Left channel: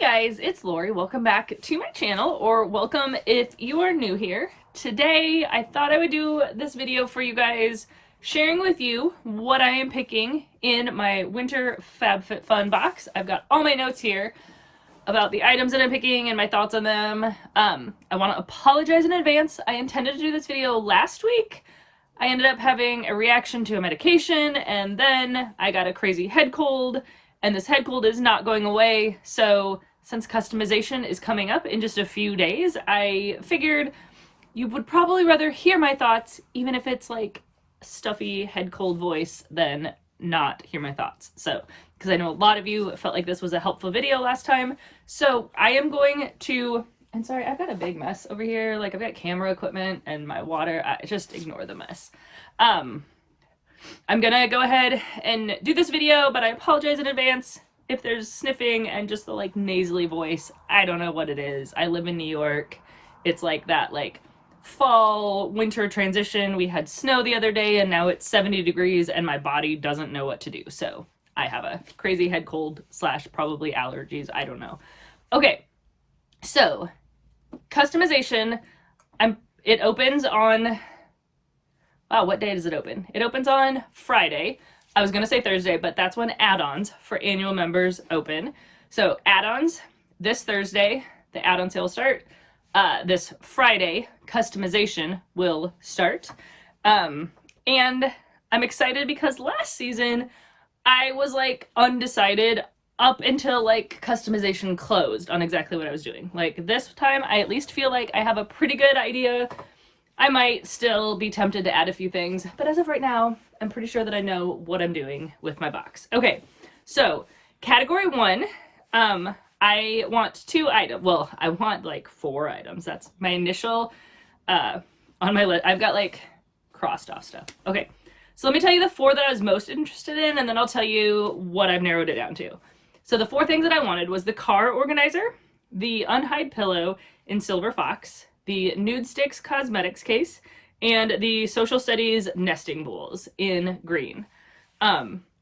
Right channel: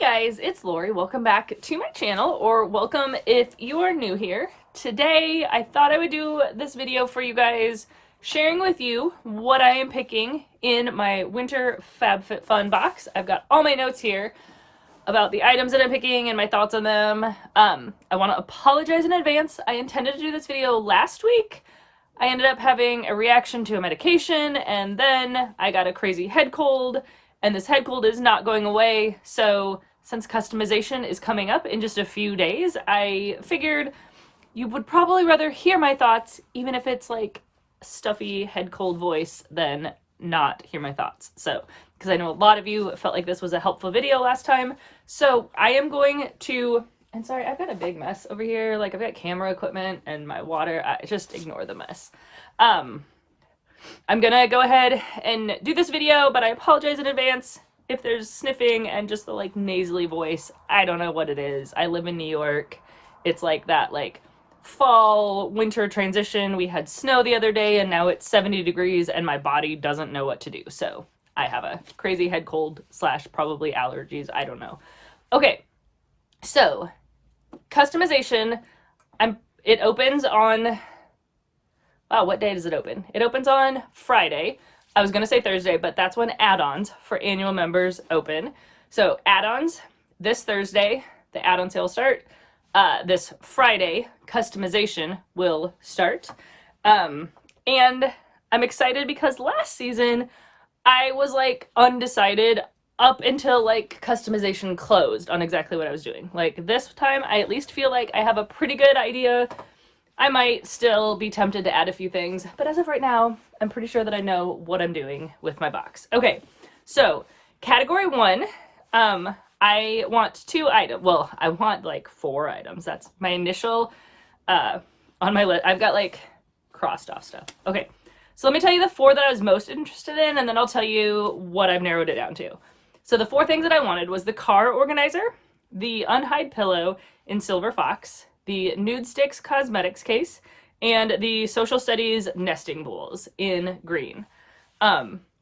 Guys, it's Lori. Welcome back to my channel, or welcome if you are new here. Today, I thought I would do this video for you guys, sharing with you what I am picking in my winter FabFitFun box. I've got all my notes here about the items that I'm picking and my thoughts on them. I want to apologize in advance. I intended to do this video last week. I ended up having a reaction to a medication, and then I got a crazy head cold, and this head cold is not going away. So since customization is coming up in just a few days, I figured you would probably rather hear my thoughts, even if it's like stuffy head cold voice, than not hear my thoughts. So, because I know a lot of you felt like this was a helpful video last time. So I am going to, and sorry, I've got a big mess over here. Like, I've got camera equipment and my water. Just ignore the mess. I'm gonna go ahead and do this video, but I apologize in advance if there's sniffing and just the like nasally voice. I don't know what it is. I live in New York. It's like that like fall winter transition. We had snow the other day and now it's 70 degrees and my body doesn't know what to do. So I have a crazy head cold / probably allergies. I don't know. Okay, so customization. It opens on, wow, what day does it open? It opens on Friday. I was gonna say Thursday, but that's when add-ons for annual members open. So add-ons this Thursday, the add-on sale will start. This Friday, customization will start. And I'm excited because last season I was like undecided up until like customization closed on exactly what I was doing. Like this time, I at least feel like I have a pretty good idea. I might still be tempted to add a few things, but as of right now, I'm pretty sure that I know what I'm doing with my box. Okay, so category 1, I want 2 items. Well, I want like 4 items. That's my initial on my list. I've got like crossed off stuff. Okay, so let me tell you the 4 that I was most interested in, and then I'll tell you what I've narrowed it down to. So the 4 things that I wanted was the car organizer, the unhide pillow in Silver Fox, the Nude Sticks Cosmetics case, and the Social Studies nesting bowls in green.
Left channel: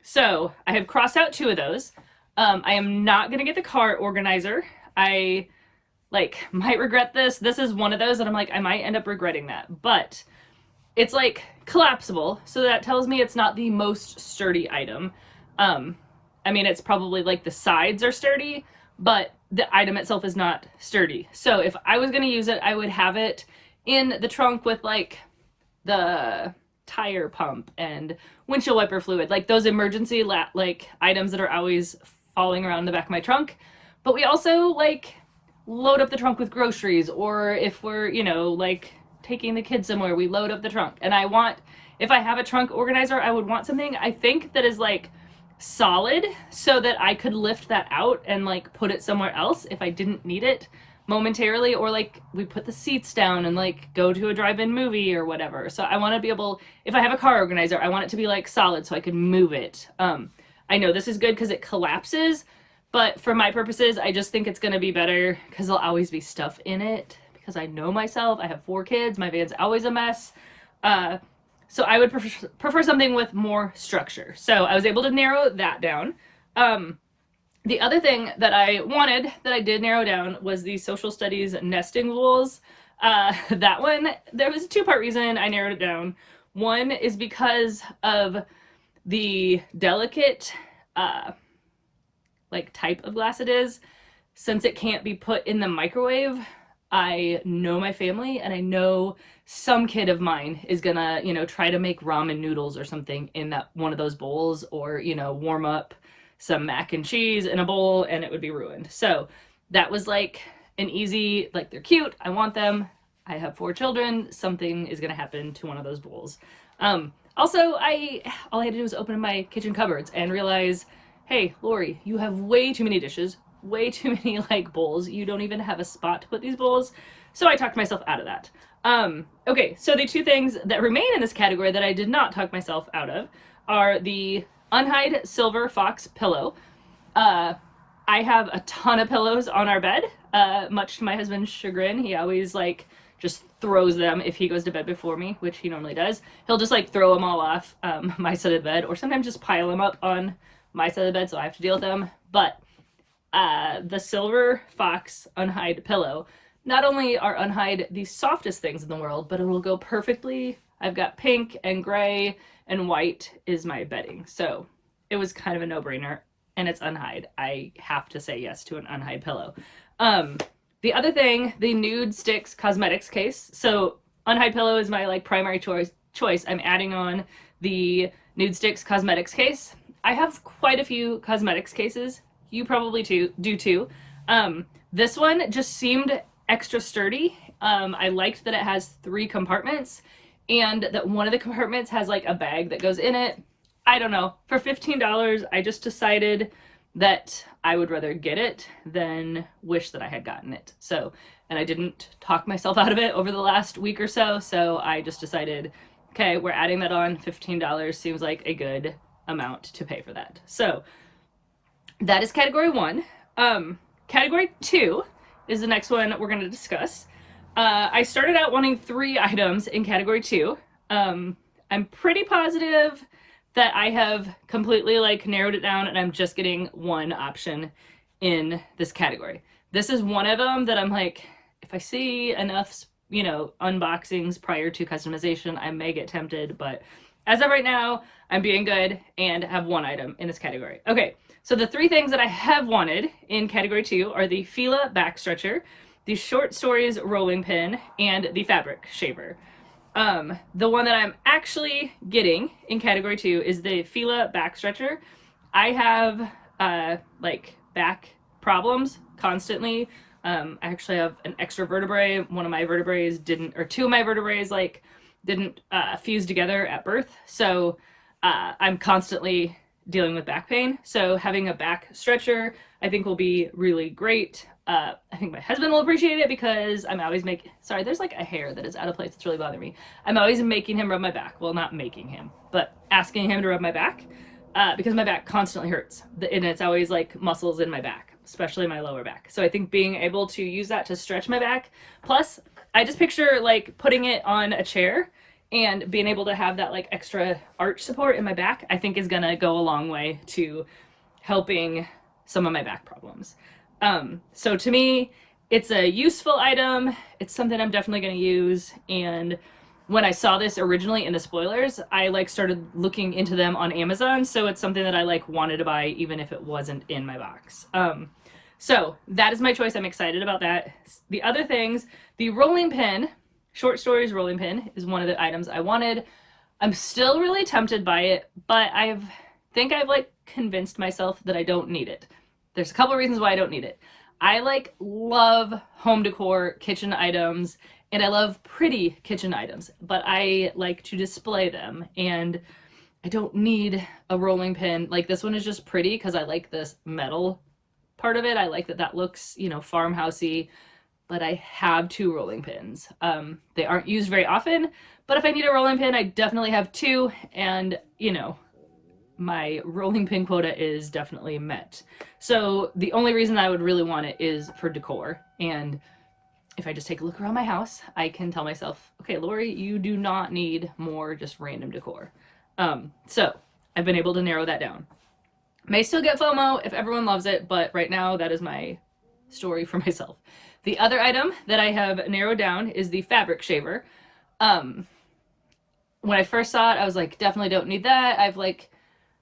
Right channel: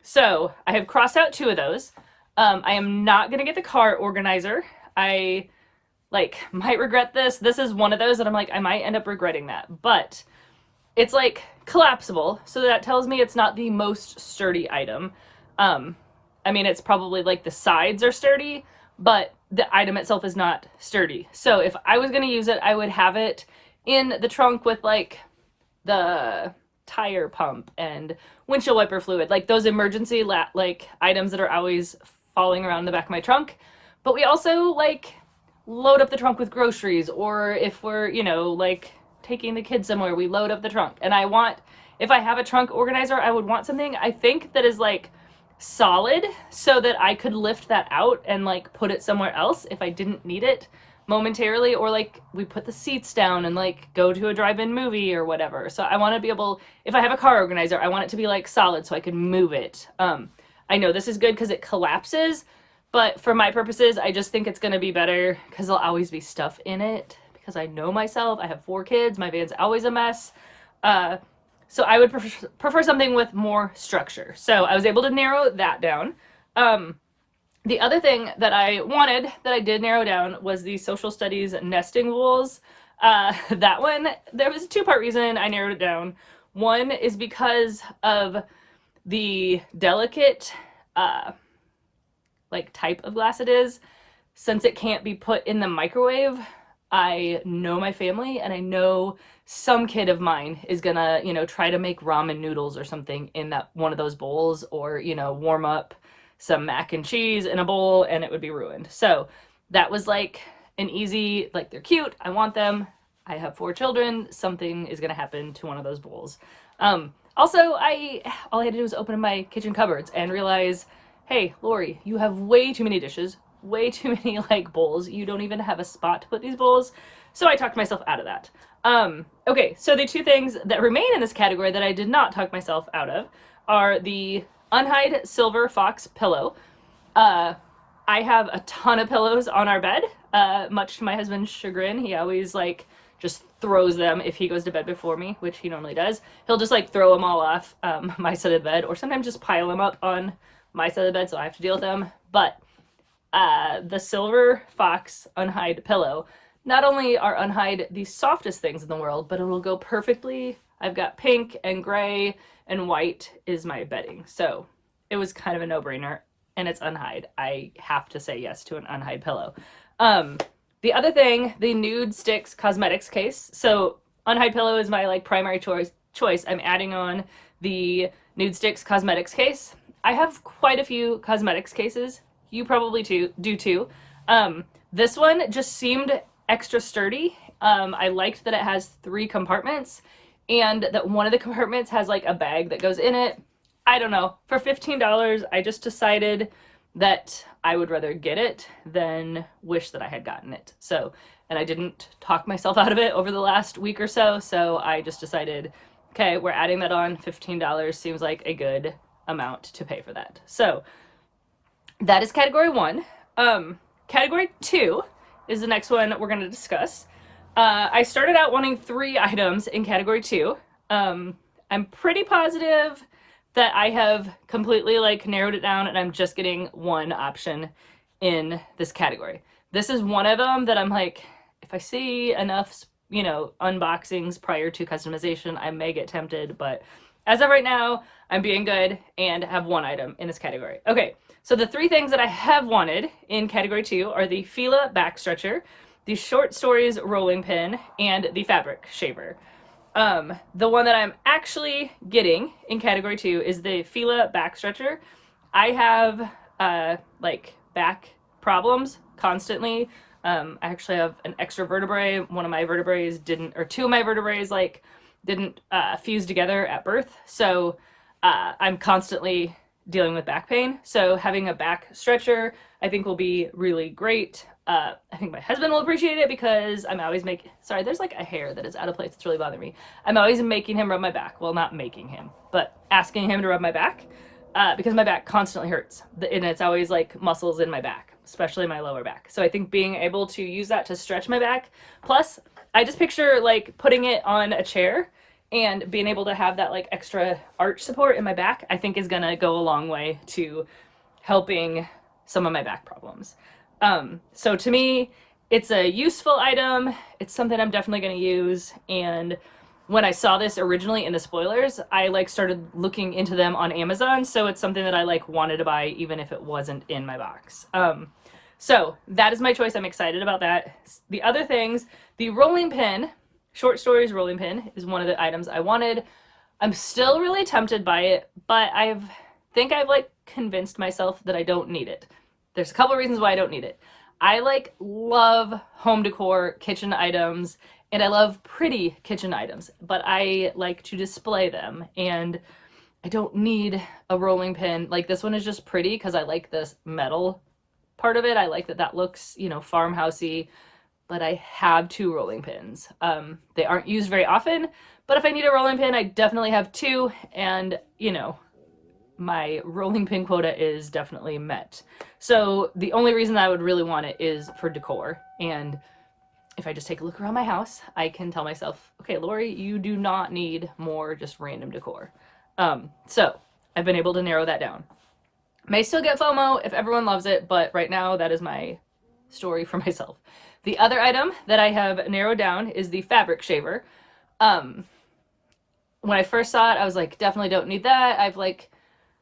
So I have crossed out 2 of those. I am not gonna get the car organizer. I might regret this. This is one of those that I'm like, I might end up regretting that, but it's like collapsible. So that tells me it's not the most sturdy item. I mean, it's probably like the sides are sturdy, but the item itself is not sturdy. So if I was going to use it, I would have it in the trunk with like the tire pump and windshield wiper fluid, like those emergency like items that are always falling around the back of my trunk. But we also like load up the trunk with groceries, or if we're, you know, like taking the kids somewhere, we load up the trunk. And I want, if I have a trunk organizer, I would want something I think that is like solid so that I could lift that out and like put it somewhere else if I didn't need it momentarily, or like we put the seats down and like go to a drive-in movie or whatever. So I want to be able, if I have a car organizer, I want it to be like solid so I can move it. I know this is good because it collapses, but for my purposes, I just think it's going to be better because there'll always be stuff in it, because I know myself. I have 4 kids. My van's always a mess. So I would prefer something with more structure. So I was able to narrow that down. The other thing that I wanted that I did narrow down was the Social Studies nesting bowls. That one, there was a 2-part reason I narrowed it down. One is because of the delicate like type of glass it is. Since it can't be put in the microwave, I know my family, and I know some kid of mine is gonna, you know, try to make ramen noodles or something in that one of those bowls, or, you know, warm up some mac and cheese in a bowl, and it would be ruined. So that was like an easy, like, they're cute, I want them, I have 4 children, something is gonna happen to one of those bowls. Also, all I had to do was open my kitchen cupboards and realize, hey, Lori, you have way too many dishes, way too many like bowls. You don't even have a spot to put these bowls. So I talked myself out of that. Okay, so the 2 things that remain in this category that I did not talk myself out of are the unhide Silver Fox pillow. I have a ton of pillows on our bed, much to my husband's chagrin. He always like just throws them if he goes to bed before me, which he normally does. He'll just like throw them all off my side of the bed, or sometimes just pile them up on my side of the bed so I have to deal with them. But the Silver Fox Unhide pillow. Not only are Unhide the softest things in the world, but it will go perfectly. I've got pink and gray and white is my bedding. So it was kind of a no-brainer, and it's Unhide. I have to say yes to an Unhide pillow. The other thing, the Nude Sticks Cosmetics case. So Unhide pillow is my like primary choice. I'm adding on the Nude Sticks Cosmetics case. I have quite a few cosmetics cases. You probably do too. This one just seemed extra sturdy. I liked that it has 3 compartments and that one of the compartments has like a bag that goes in it. I don't know. For $15, I just decided that I would rather get it than wish that I had gotten it. So, and I didn't talk myself out of it over the last week or so. So I just decided, okay, we're adding that on. $15 seems like a good amount to pay for that. So that is category 1. Category 2 is the next one we're going to discuss. I started out wanting 3 items in category 2. I'm pretty positive that I have completely like narrowed it down and I'm just getting 1 option in this category. This is one of them that I'm like, if I see enough, you know, unboxings prior to customization, I may get tempted, but as of right now, I'm being good and have 1 item in this category. Okay, so the 3 things that I have wanted in category 2 are the Fila back stretcher, the Short Stories rolling pin, and the fabric shaver. The one that I'm actually getting in category 2 is the Fila back stretcher. I have like back problems constantly. I actually have an extra vertebrae. One of my vertebrae didn't, or 2 of my vertebrae like didn't fuse together at birth. So I'm constantly dealing with back pain. So having a back stretcher I think will be really great. I think my husband will appreciate it because I'm always making, sorry, there's like a hair that is out of place. It's really bothering me. I'm always making him rub my back. Well, not making him, but asking him to rub my back because my back constantly hurts. And it's always like muscles in my back, especially my lower back. So I think being able to use that to stretch my back. Plus, I just picture like putting it on a chair and being able to have that like extra arch support in my back, I think is gonna go a long way to helping some of my back problems. So to me, it's a useful item. It's something I'm definitely going to use. And when I saw this originally in the spoilers, I like started looking into them on Amazon. So it's something that I like wanted to buy even if it wasn't in my box. So that is my choice. I'm excited about that. The other things, the rolling pin, Short Stories rolling pin is one of the items I wanted. I'm still really tempted by it, but I think I've like convinced myself that I don't need it. There's a couple of reasons why I don't need it. I like love home decor, kitchen items, and I love pretty kitchen items, but I like to display them and I don't need a rolling pin. Like this one is just pretty because I like this metal part of it. I like that that looks, you know, farmhousey, but I have 2 rolling pins. They aren't used very often, but if I need a rolling pin, I definitely have 2 and, you know, my rolling pin quota is definitely met. So the only reason I would really want it is for decor. And if I just take a look around my house, I can tell myself, okay, Lori, you do not need more just random decor. So I've been able to narrow that down. May still get FOMO if everyone loves it, but right now that is my story for myself. The other item that I have narrowed down is the fabric shaver. When I first saw it, I was like, definitely don't need that. I've like,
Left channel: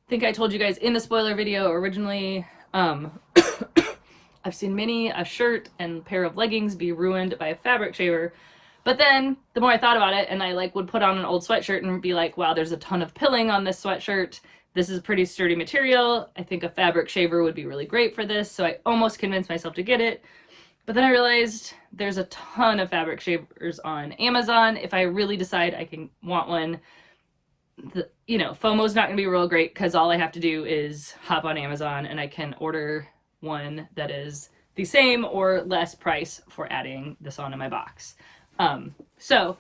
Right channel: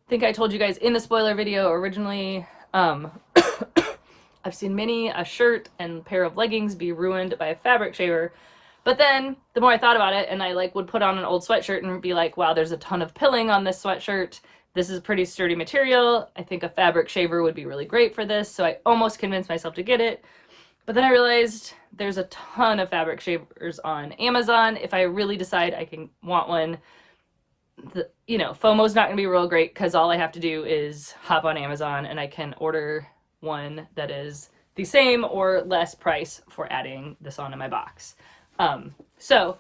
I think I told you guys in the spoiler video originally, I've seen many a shirt and pair of leggings be ruined by a fabric shaver. But then the more I thought about it and I like would put on an old sweatshirt and be like, wow, there's a ton of pilling on this sweatshirt. This is pretty sturdy material. I think a fabric shaver would be really great for this. So I almost convinced myself to get it. But then I realized there's a ton of fabric shavers on Amazon. If I really decide I can want one, you know, FOMO's not gonna be real great because all I have to do is hop on Amazon and I can order one that is the same or less price for adding this onto my box. So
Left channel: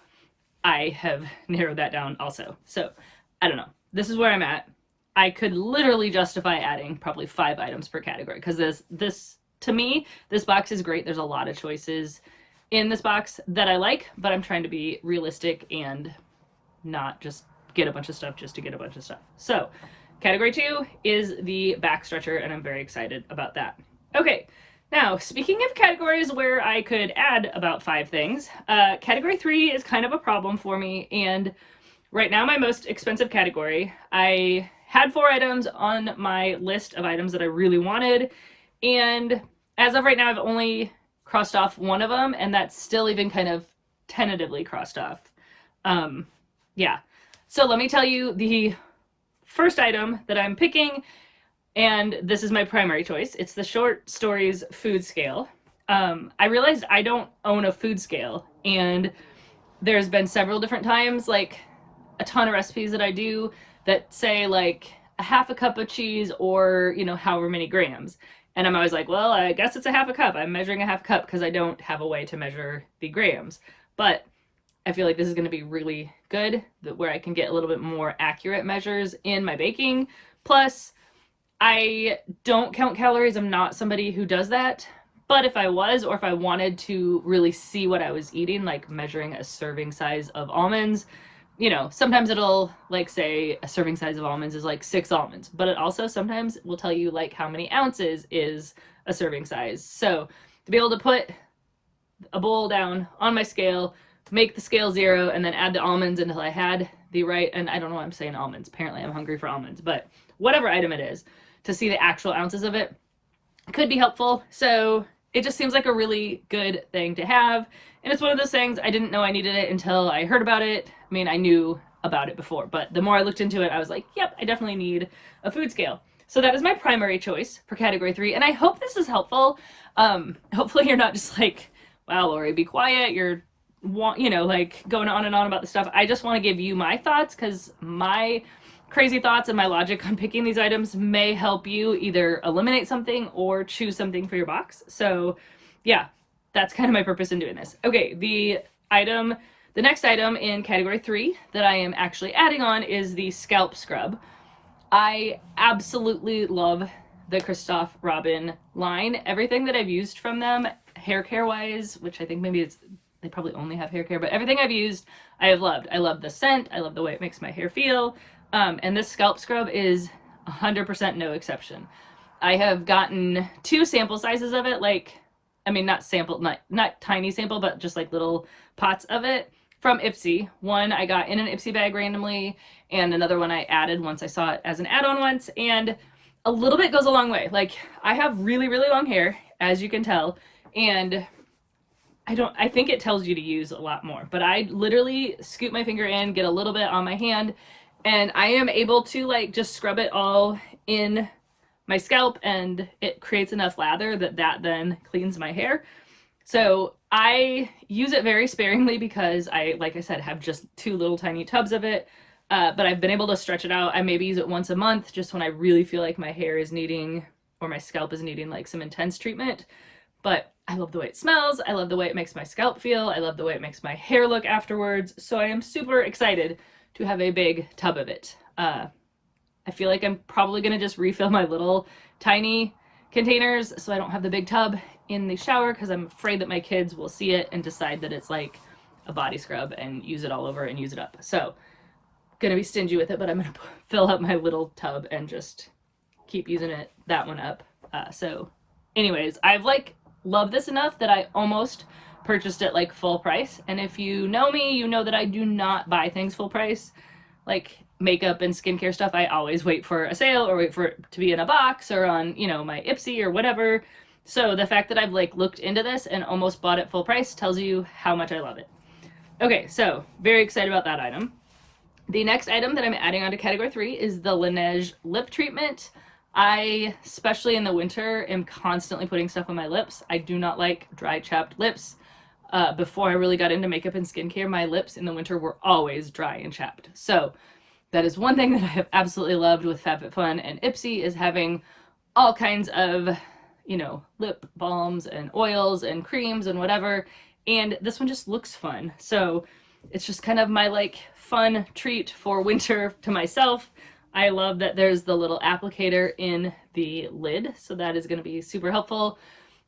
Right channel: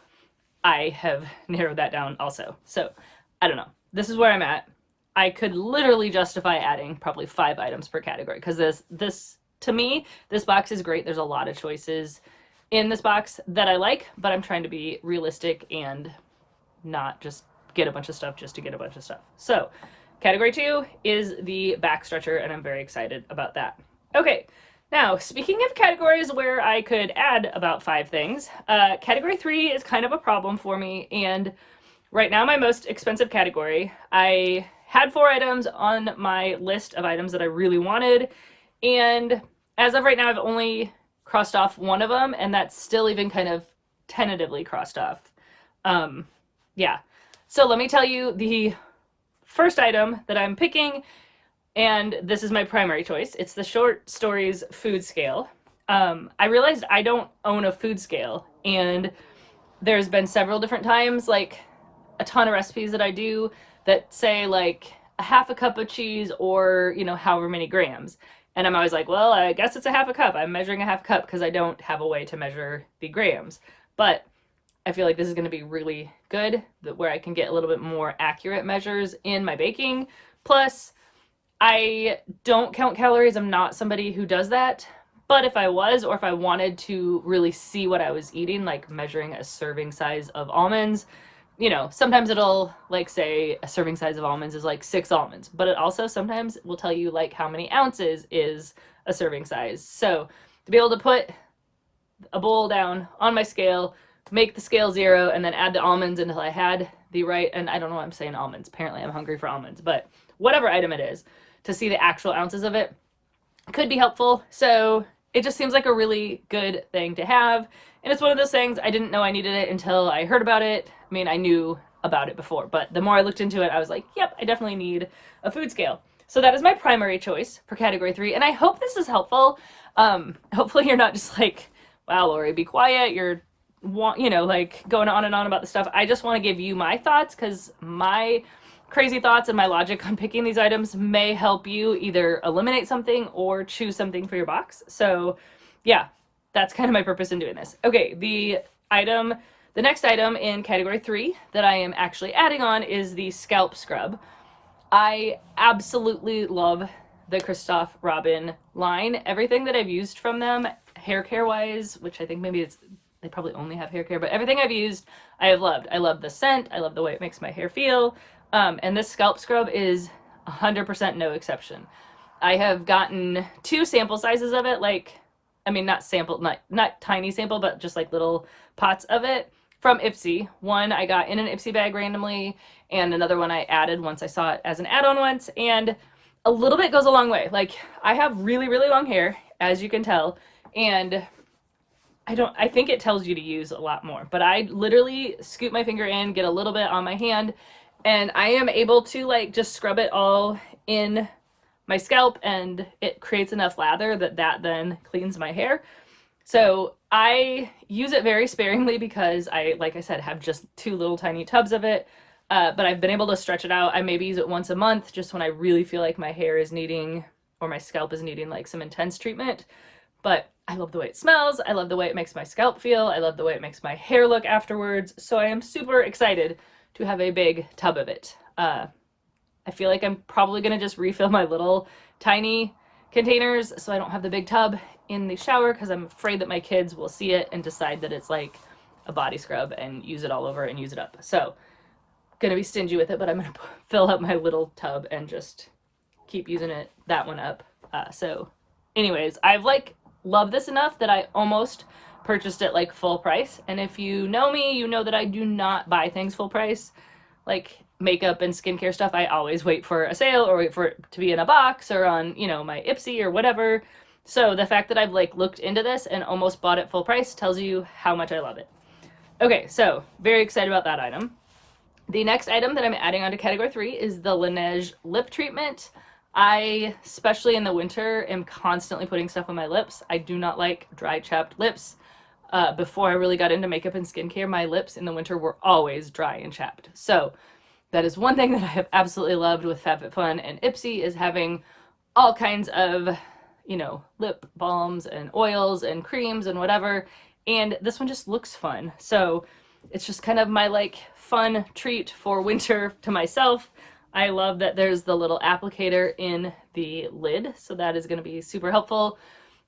I have narrowed that down also. So I don't know. This is where I'm at. I could literally justify adding probably 5 items per category because this to me, this box is great. There's a lot of choices in this box that I like, but I'm trying to be realistic and not just get a bunch of stuff just to get a bunch of stuff. So category 2 is the back stretcher and I'm very excited about that. Okay, now speaking of categories where I could add about 5 things, category 3 is kind of a problem for me, and right now my most expensive category, I had 4 items on my list of items that I really wanted, and as of right now I've only crossed off one of them, and that's still even kind of tentatively crossed off. Yeah, so let me tell you the first item that I'm picking, and this is my primary choice. It's the Short Stories food scale. I realized I don't own a food scale, and there's been several different times, like a ton of recipes that I do that say like a half a cup of cheese or, you know, however many grams. And I'm always like, well, I guess it's a half a cup. I'm measuring a half cup because I don't have a way to measure the grams. But I feel like this is going to be really good, where I can get a little bit more accurate measures in my baking. Plus, I don't count calories. I'm not somebody who does that. But if I was, or if I wanted to really see what I was eating, like measuring a serving size of almonds, you know, sometimes it'll like say a serving size of almonds is like 6 almonds, but it also sometimes will tell you like how many ounces is a serving size. So to be able to put a bowl down on my scale, make the scale 0, and then add the almonds until I had the right, and I don't know why I'm saying almonds, apparently I'm hungry for almonds, but whatever item it is, to see the actual ounces of it could be helpful. So it just seems like a really good thing to have, and it's one of those things I didn't know I needed it until I heard about it. I mean, I knew about it before, but the more I looked into it, I was like, yep, I definitely need a food scale. So that is my primary choice for category 3, and I hope this is helpful. Hopefully you're not just like, wow, Lori, be quiet, you're you know, like going on and on about the stuff. I just want to give you my thoughts, because my crazy thoughts and my logic on picking these items may help you either eliminate something or choose something for your box. So yeah, that's kind of my purpose in doing this. Okay, the next item in category 3 that I am actually adding on is the scalp scrub. I absolutely love the Christophe Robin line. Everything that I've used from them, hair care wise, which I think maybe it's, they probably only have hair care, but everything I've used, I have loved. I love the scent. I love the way it makes my hair feel. And this scalp scrub is 100% no exception. I have gotten 2 sample sizes of it, like, I mean, not tiny sample, but just like little pots of it from Ipsy. One I got in an Ipsy bag randomly, and another one I added once I saw it as an add-on once, and a little bit goes a long way. Like, I have really, really long hair, as you can tell, and I think it tells you to use a lot more, but I literally scoop my finger in, get a little bit on my hand, and I am able to like just scrub it all in my scalp, and it creates enough lather that then cleans my hair. So I use it very sparingly because I, like I said, have just 2 little tiny tubs of it, but I've been able to stretch it out. I maybe use it once a month, just when I really feel like my hair is needing, or my scalp is needing like some intense treatment. But I love the way it smells. I love the way it makes my scalp feel. I love the way it makes my hair look afterwards. So I am super excited to have a big tub of it. I feel like I'm probably going to just refill my little tiny containers so I don't have the big tub in the shower, because I'm afraid that my kids will see it and decide that it's like a body scrub and use it all over and use it up. So gonna be stingy with it, but I'm gonna fill up my little tub and just keep using that one up. So anyways, I've like love this enough that I almost purchased it like full price. And if you know me, you know that I do not buy things full price. Like makeup and skincare stuff, I always wait for a sale or wait for it to be in a box or on, you know, my Ipsy or whatever. So the fact that I've like looked into this and almost bought it full price tells you how much I love it. Okay, so very excited about that item. The next item that I'm adding onto category 3 is the Laneige lip treatment. I, especially in the winter, am constantly putting stuff on my lips. I do not like dry, chapped lips. Before I really got into makeup and skincare, my lips in the winter were always dry and chapped. So that is one thing that I have absolutely loved with FabFitFun and Ipsy, is having all kinds of, you know, lip balms and oils and creams and whatever. And this one just looks fun. So it's just kind of my like fun treat for winter to myself. I love that there's the little applicator in the lid, so that is going to be super helpful,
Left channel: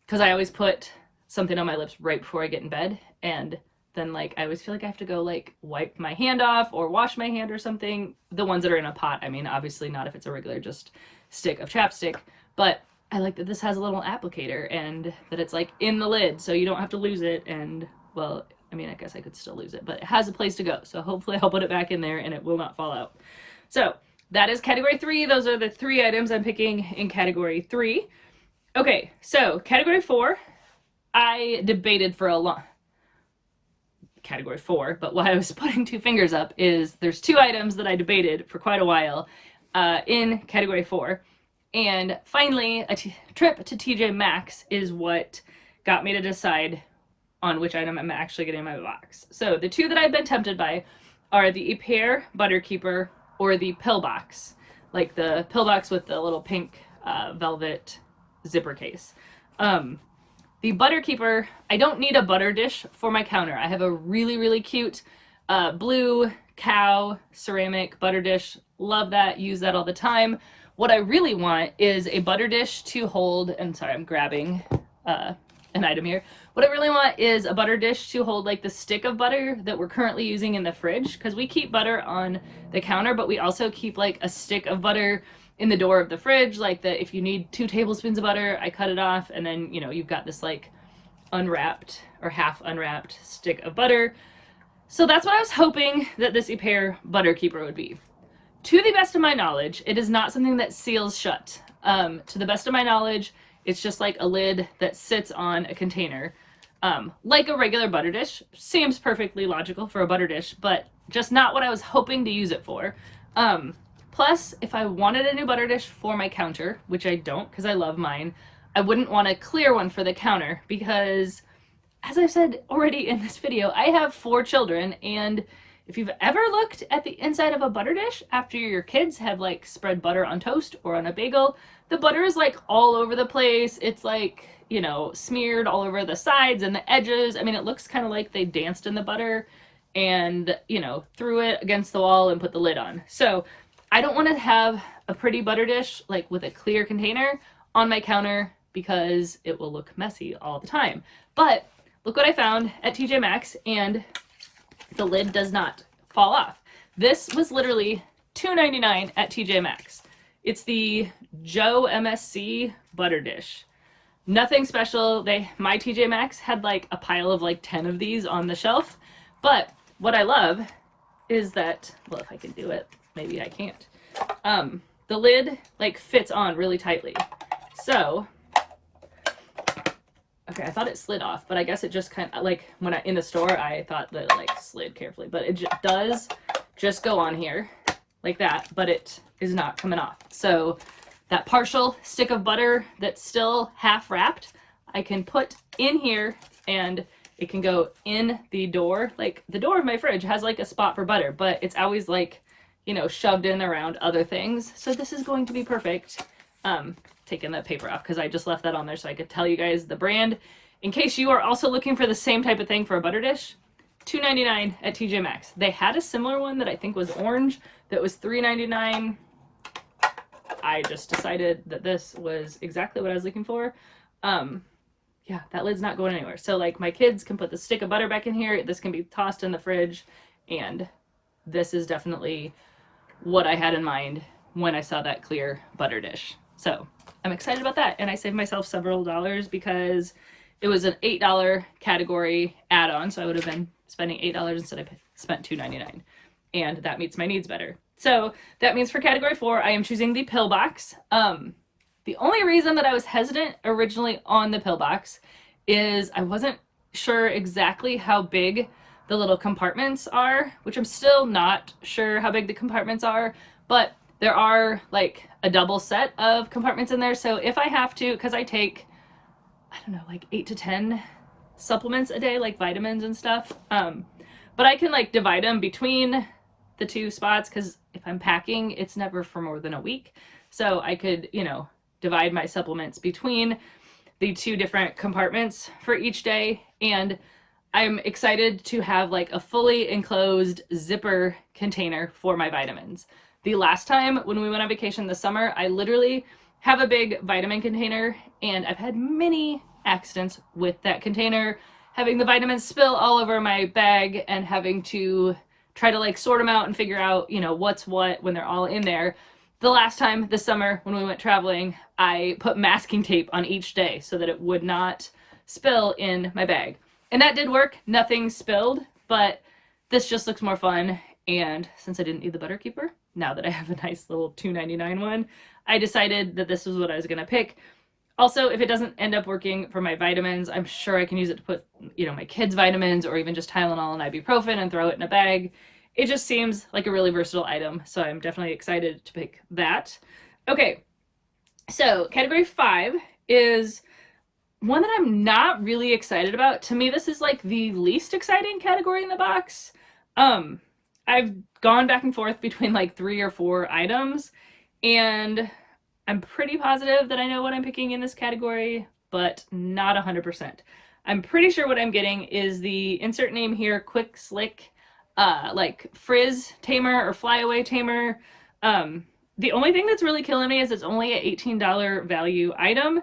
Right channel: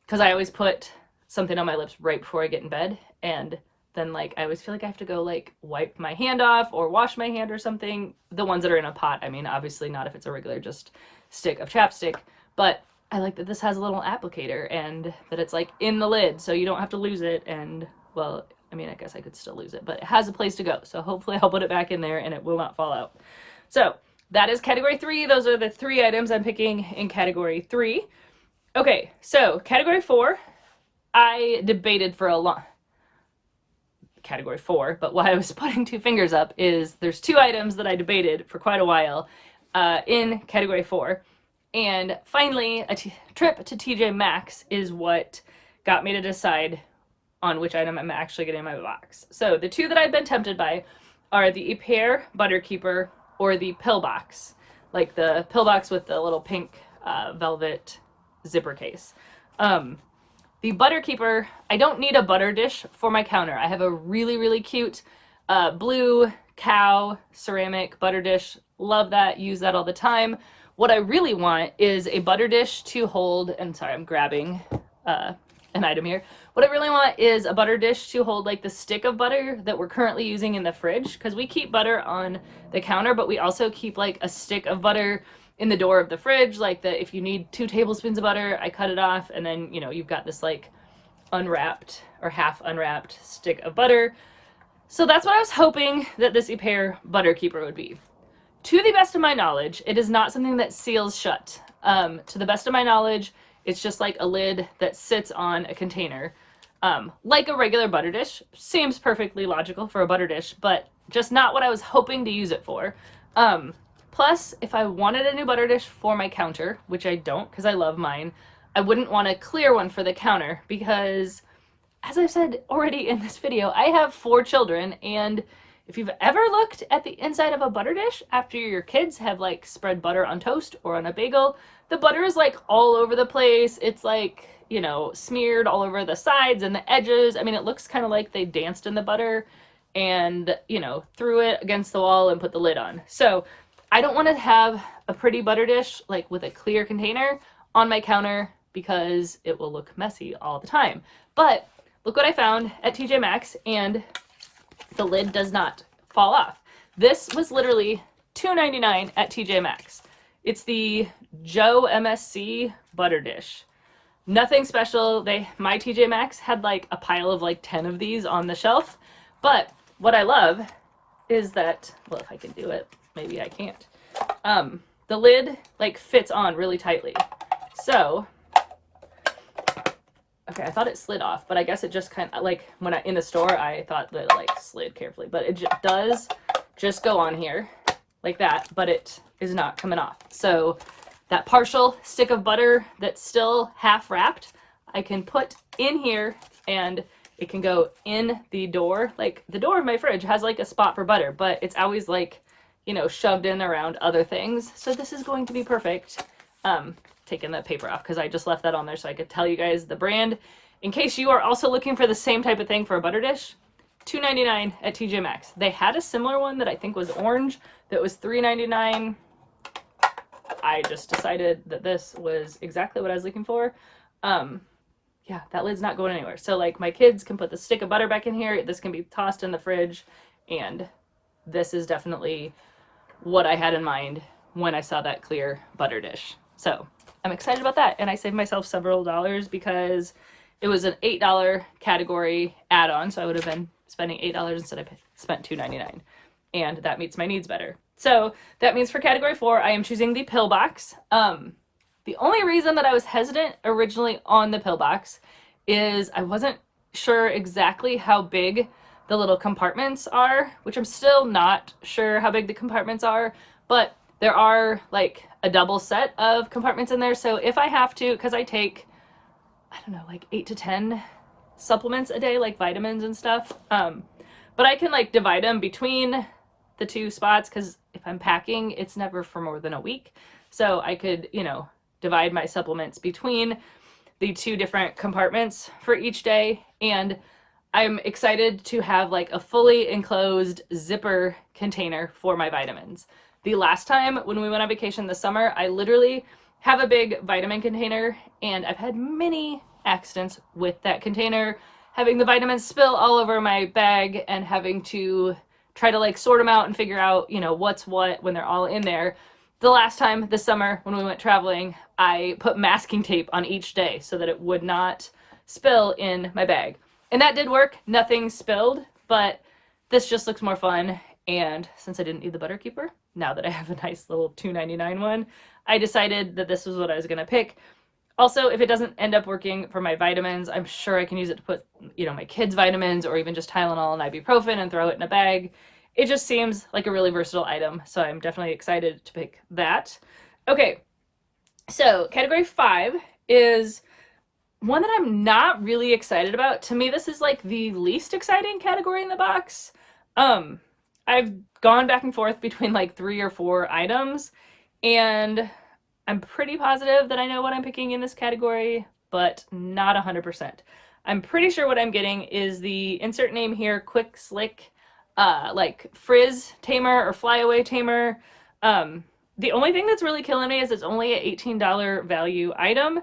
because I always put something on my lips right before I get in bed, and then like I always feel like I have to go like wipe my hand off or wash my hand or something. The ones that are in a pot, I mean, obviously not if it's a regular just stick of chapstick, but I like that this has a little applicator and that it's like in the lid so you don't have to lose it. And well, I mean, I guess I could still lose it, but it has a place to go. So hopefully I'll put it back in there and it will not fall out. So that is category 3. Those are the 3 items I'm picking in category 3. Okay, so category 4, I debated for a long, category 4, but why I was putting 2 fingers up is there's 2 items that I debated for quite a while in category 4. And finally, a trip to TJ Maxx is what got me to decide on which item I'm actually getting in my box. So the 2 that I've been tempted by are the Ipsy Butter Keeper or the pill box, like the pill box with the little pink velvet zipper case. The Butter Keeper, I don't need a butter dish for my counter. I have a really, really cute blue cow ceramic butter dish. Love that, use that all the time. What I really want is a butter dish to hold, and sorry, I'm grabbing an item here. What I really want is a butter dish to hold like the stick of butter that we're currently using in the fridge, because we keep butter on the counter, but we also keep like a stick of butter in the door of the fridge, like that if you need 2 tablespoons of butter, I cut it off, and then, you know, you've got this like unwrapped or half unwrapped stick of butter. So that's what I was hoping that this Ipsy Butter Keeper would be. To the best of my knowledge, it is not something that seals shut. To the best of my knowledge, it's just like a lid that sits on a container. Like a regular butter dish. Seems perfectly logical for a butter dish, but just not what I was hoping to use it for. Plus, if I wanted a new butter dish for my counter, which I don't because I love mine, I wouldn't want a clear one for the counter because, as I've said already in this video, I have 4 children, and if you've ever looked at the inside of a butter dish after your kids have like spread butter on toast or on a bagel, the butter is like all over the place. It's like, you know, smeared all over the sides and the edges. I mean, it looks kind of like they danced in the butter and, you know, threw it against the wall and put the lid on. So I don't want to have a pretty butter dish like with a clear container on my counter because it will look messy all the time. But look what I found at TJ Maxx, and the lid does not fall off. This was literally $2.99 at TJ Maxx. It's the Joe MSC butter dish. Nothing special. My TJ Maxx had like a pile of like 10 of these on the shelf. But what I love is that, well, if I can do it, maybe I can't. The lid like fits on really tightly. So, okay, I thought it slid off, but I guess it just kind of, like, when in the store, I thought that it, like, slid carefully. But it does just go on here, like that, but it is not coming off. So that partial stick of butter that's still half wrapped, I can put in here, and it can go in the door. Like, the door of my fridge has, like, a spot for butter, but it's always, like, you know, shoved in around other things. So this is going to be perfect. Taking that paper off because I just left that on there so I could tell you guys the brand. In case you are also looking for the same type of thing for a butter dish, $2.99 at TJ Maxx. They had a similar one that I think was orange that was $3.99. I just decided that this was exactly what I was looking for. Yeah, that lid's not going anywhere. So like my kids can put the stick of butter back in here. This can be tossed in the fridge, and this is definitely what I had in mind when I saw that clear butter dish. So I'm excited about that, and I saved myself several dollars because it was an $8 category add-on, so I would have been spending $8 instead of spent $2.99, and that meets my needs better. So that means for category 4, I am choosing the pill box. The only reason that I was hesitant originally on the pill box is I wasn't sure exactly how big the little compartments are, which I'm still not sure how big the compartments are, but there are like a double set of compartments in there. So if I have to, because I take, I don't know, like 8 to 10 supplements a day, like vitamins and stuff, but I can like divide them between the 2 spots, because if I'm packing, it's never for more than a week. So I could, you know, divide my supplements between the 2 different compartments for each day. And I'm excited to have like a fully enclosed zipper container for my vitamins. The last time when we went on vacation this summer, I literally have a big vitamin container, and I've had many accidents with that container, having the vitamins spill all over my bag and having to try to like sort them out and figure out, you know, what's what when they're all in there. The last time this summer when we went traveling, I put masking tape on each day so that it would not spill in my bag. And that did work. Nothing spilled, but this just looks more fun. And since I didn't need the butter keeper, now that I have a nice little $2.99 one, I decided that this was what I was going to pick. Also, if it doesn't end up working for my vitamins, I'm sure I can use it to put, my kids' vitamins or even just Tylenol and ibuprofen and throw it in a bag. It just seems like a really versatile item, so I'm definitely excited to pick that. Okay, so category 5 is one that I'm not really excited about. To me, this is like the least exciting category in the box. I've gone back and forth between like 3 or 4 items, and I'm pretty positive that I know what I'm picking in this category, but not 100%. I'm pretty sure what I'm getting is the insert name here, Quick Slick, like frizz tamer or flyaway tamer. The only thing that's really killing me is it's only an $18 value item.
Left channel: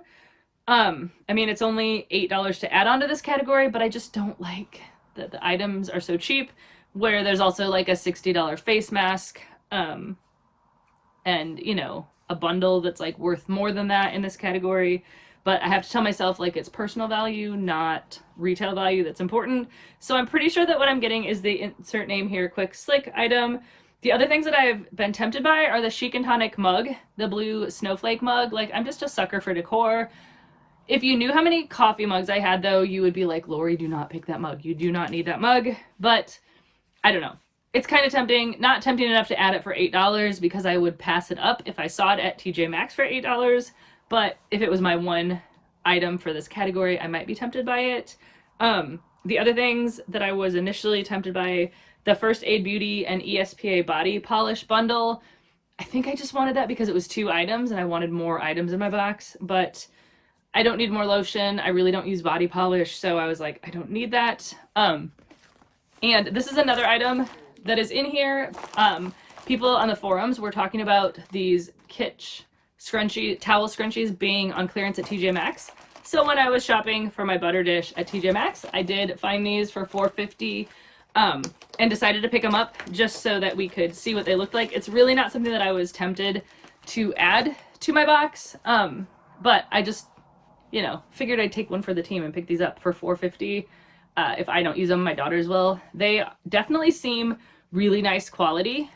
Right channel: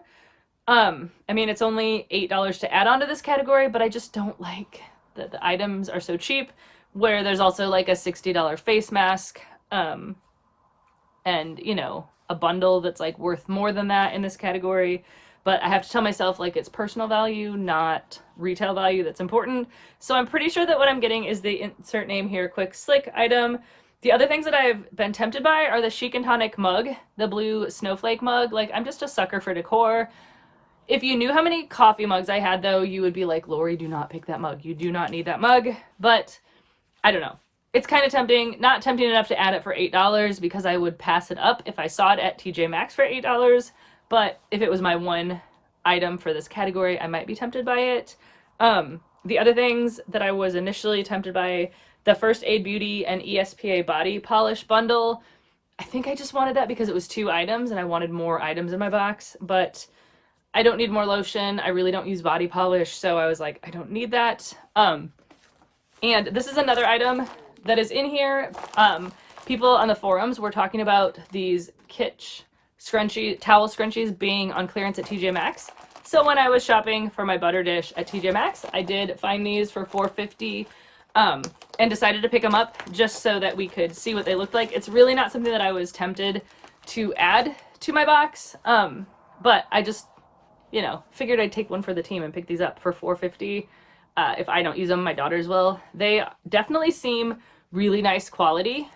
I mean, it's only $8 to add on to this category, but I just don't like that the items are so cheap, where there's also like a $60 face mask, and a bundle that's like worth more than that in this category. But I have to tell myself like it's personal value, not retail value, that's important. So I'm pretty sure that what I'm getting is the insert name here, Quick Slick item. The other things that I've been tempted by are the Chic and Tonic mug, the blue snowflake mug. Like, I'm just a sucker for decor. If you knew how many coffee mugs I had, though, you would be like, Lori, do not pick that mug. You do not need that mug. But I don't know. It's kind of tempting. Not tempting enough to add it for $8 because I would pass it up if I saw it at TJ Maxx for $8. But if it was my one item for this category, I might be tempted by it. The other things that I was initially tempted by, the First Aid Beauty and ESPA body polish bundle. I think I just wanted that because it was 2 items and I wanted more items in my box, but I don't need more lotion. I really don't use body polish, so I was like, I don't need that. And this is another item that is in here. People on the forums were talking about these kitsch towel scrunchies being on clearance at TJ Maxx. So when I was shopping for my butter dish at TJ Maxx, I did find these for $4.50 and decided to pick them up just so that we could see what they looked like. It's really not something that I was tempted to add to my box, but I just, figured I'd take one for the team and pick these up for $4.50. If I don't use them, my daughters will. They definitely seem really nice quality.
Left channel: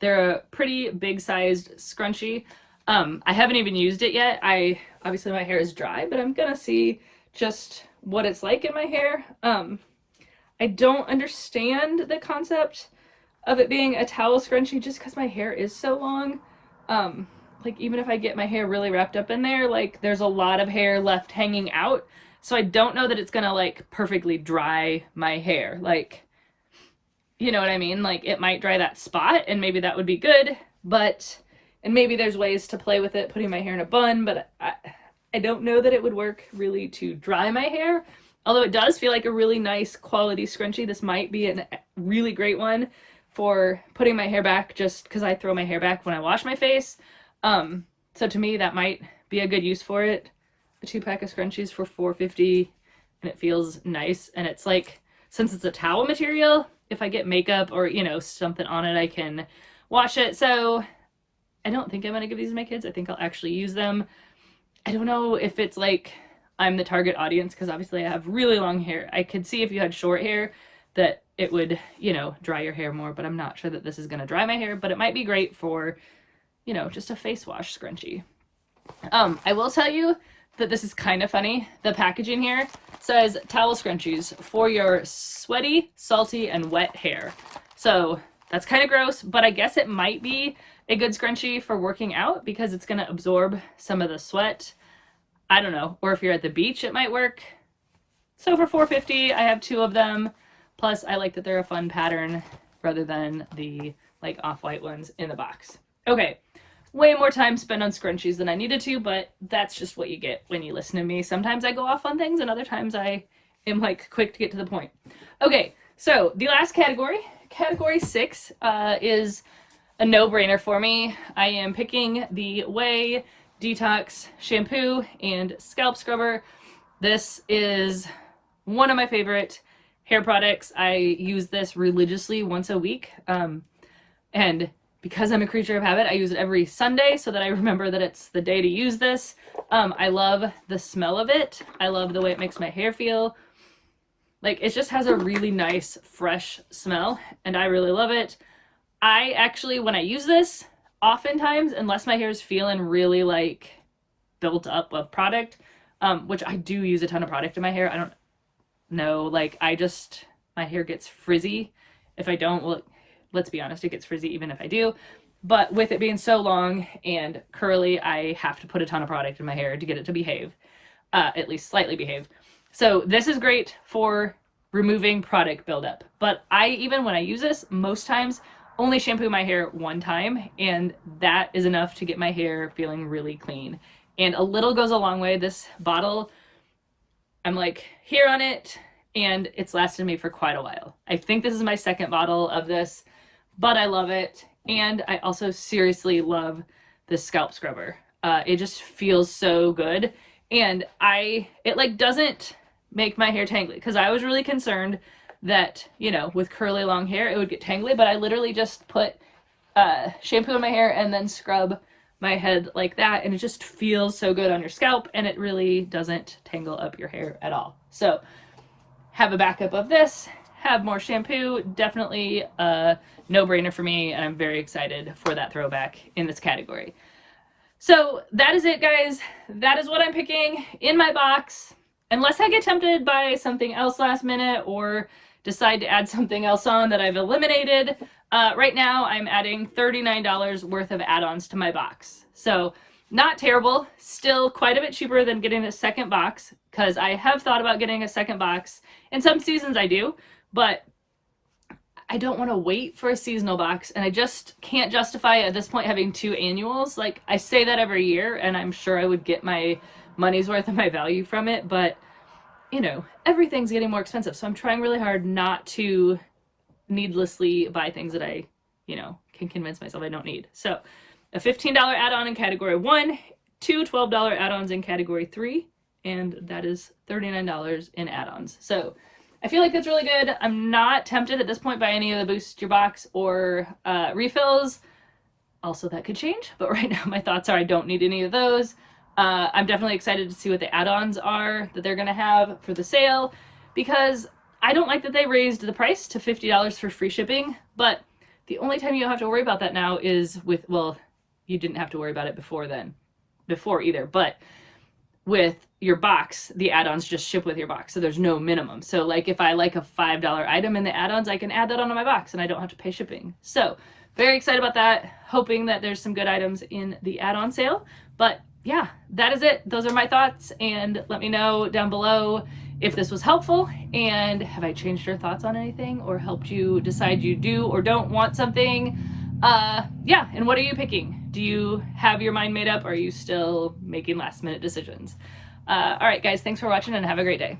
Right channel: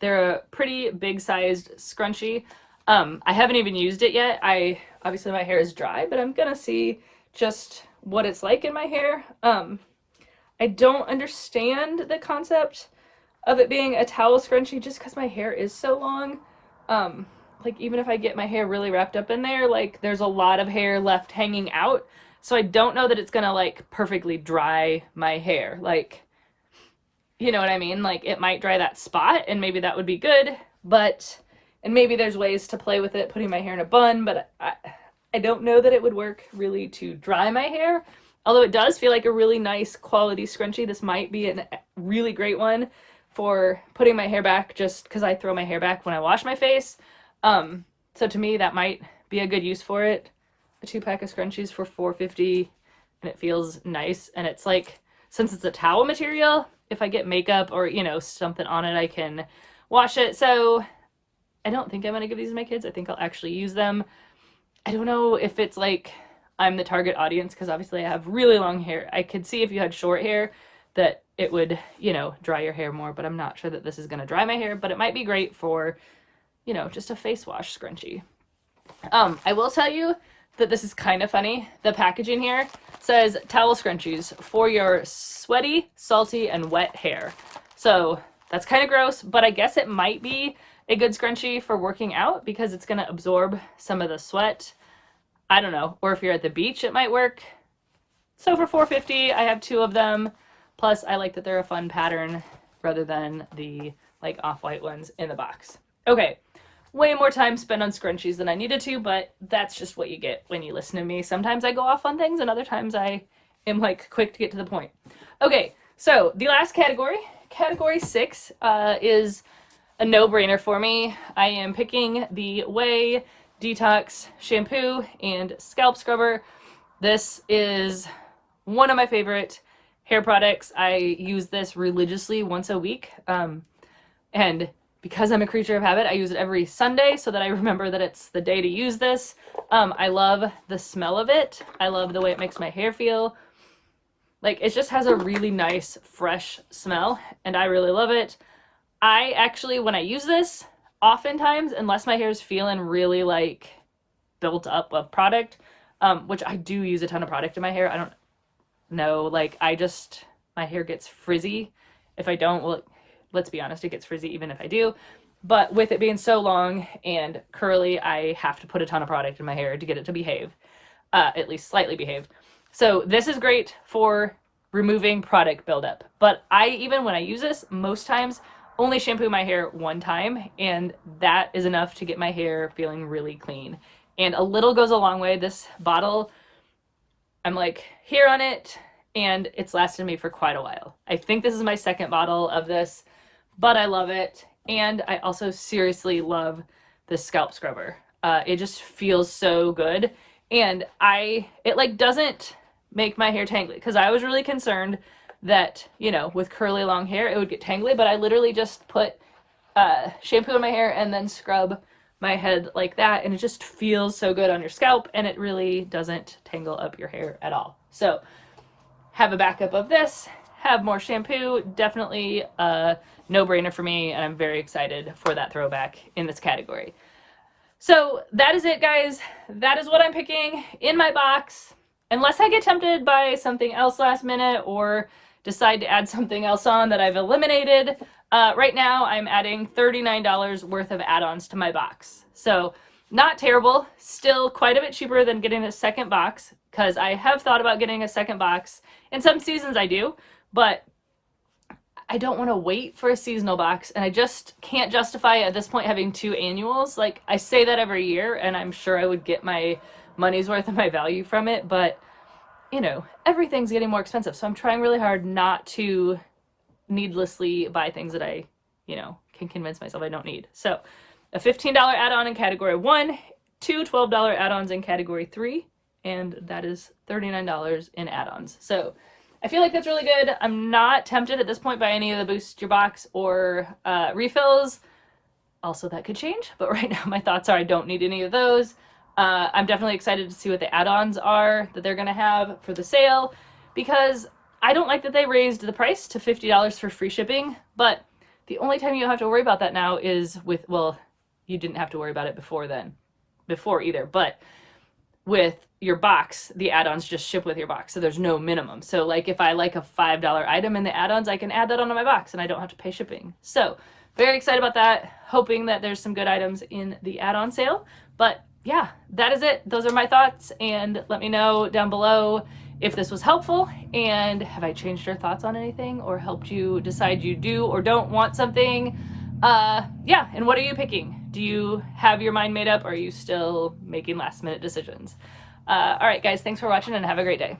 They're a pretty big-sized scrunchie. I haven't even used it yet. Obviously my hair is dry, but I'm gonna see just what it's like in my hair. I don't understand the concept of it being a towel scrunchie just because my hair is so long. Like, even if I get my hair really wrapped up in there, like, there's a lot of hair left hanging out. So I don't know that it's gonna, like, perfectly dry my hair. Like, you know what I mean? Like, it might dry that spot, and maybe that would be good, but... And maybe there's ways to play with it, putting my hair in a bun, but I don't know that it would work really to dry my hair. Although it does feel like a really nice quality scrunchie. This might be a really great one for putting my hair back just because I throw my hair back when I wash my face. So to me, that might be a good use for it. A 2-pack of scrunchies for $4.50, and it feels nice. And it's like, since it's a towel material, if I get makeup or, something on it, I can wash it. So... I don't think I'm going to give these to my kids. I think I'll actually use them. I don't know if it's like I'm the target audience because obviously I have really long hair. I could see if you had short hair that it would, dry your hair more, but I'm not sure that this is going to dry my hair, but it might be great for, just a face wash scrunchie. I will tell you that this is kind of funny. The packaging here says towel scrunchies for your sweaty, salty, and wet hair. So that's kind of gross, but I guess it might be a good scrunchie for working out because it's going to absorb some of the sweat. I don't know. Or if you're at the beach, it might work. So for $4.50, I have 2 of them. Plus, I like that they're a fun pattern rather than the like off-white ones in the box. Okay, way more time spent on scrunchies than I needed to, but that's just what you get when you listen to me. Sometimes I go off on things and other times I am like quick to get to the point. Okay, so the last category, category 6, is a no-brainer for me. I am picking the Way Detox Shampoo and Scalp Scrubber. This is one of my favorite hair products. I use this religiously once a week. And because I'm a creature of habit, I use it every Sunday so that I remember that it's the day to use this. I love the smell of it. I love the way it makes my hair feel. Like, it just has a really nice, fresh smell, and I really love it. I actually, when I use this, oftentimes, unless my hair is feeling really, like, built up of product, which I do use a ton of product in my hair. I don't know, like, my hair gets frizzy. If I don't, well, let's be honest, it gets frizzy even if I do. But with it being so long and curly, I have to put a ton of product in my hair to get it to behave, at least slightly behave. So this is great for removing product buildup. But even when I use this, most times only shampoo my hair one time, and that is enough to get my hair feeling really clean. And a little goes a long way. This bottle, I'm like here on it, and it's lasted me for quite a while. I think this is my second bottle of this, but I love it. And I also seriously love this scalp scrubber. It just feels so good. And it like doesn't make my hair tangly, because I was really concerned that, you know, with curly long hair, it would get tangly, but I literally just put shampoo in my hair and then scrub my head like that, and it just feels so good on your scalp, and it really doesn't tangle up your hair at all. So have a backup of this, have more shampoo, definitely a no-brainer for me, and I'm very excited for that throwback in this category. So that is it, guys. That is what I'm picking in my box, unless I get tempted by something else last minute or decide to add something else on that I've eliminated. Right now, I'm adding $39 worth of add-ons to my box. So not terrible, still quite a bit cheaper than getting a second box, because I have thought about getting a second box. In some seasons I do, but I don't want to wait for a seasonal box, and I just can't justify at this point having 2 annuals. Like, I say that every year, and I'm sure I would get my money's worth of my value from it, but, you know, everything's getting more expensive, so I'm trying really hard not to needlessly buy things that I, you know, can convince myself I don't need. So, a $15 add-on in category 1, 2 $12 add-ons in category 3, and that is $39 in add-ons. So, I feel like that's really good. I'm not tempted at this point by any of the Boost Your Box or refills. Also, that could change, but right now my thoughts are I don't need any of those. I'm definitely excited to see what the add-ons are that they're going to have for the sale, because I don't like that they raised the price to $50 for free shipping, but the only time you don't have to worry about that now is with, well, you didn't have to worry about it before either, but with your box, the add-ons just ship with your box, so there's no minimum. So like if I like a $5 item in the add-ons, I can add that onto my box and I don't have to pay shipping. So very excited about that, hoping that there's some good items in the add-on sale. But yeah, that is it. Those are my thoughts, and let me know down below if this was helpful, and have I changed your thoughts on anything or helped you decide you do or don't want something. Yeah, and what are you picking? Do you have your mind made up, or are you still making last minute decisions? All right, guys, thanks for watching and have a great day.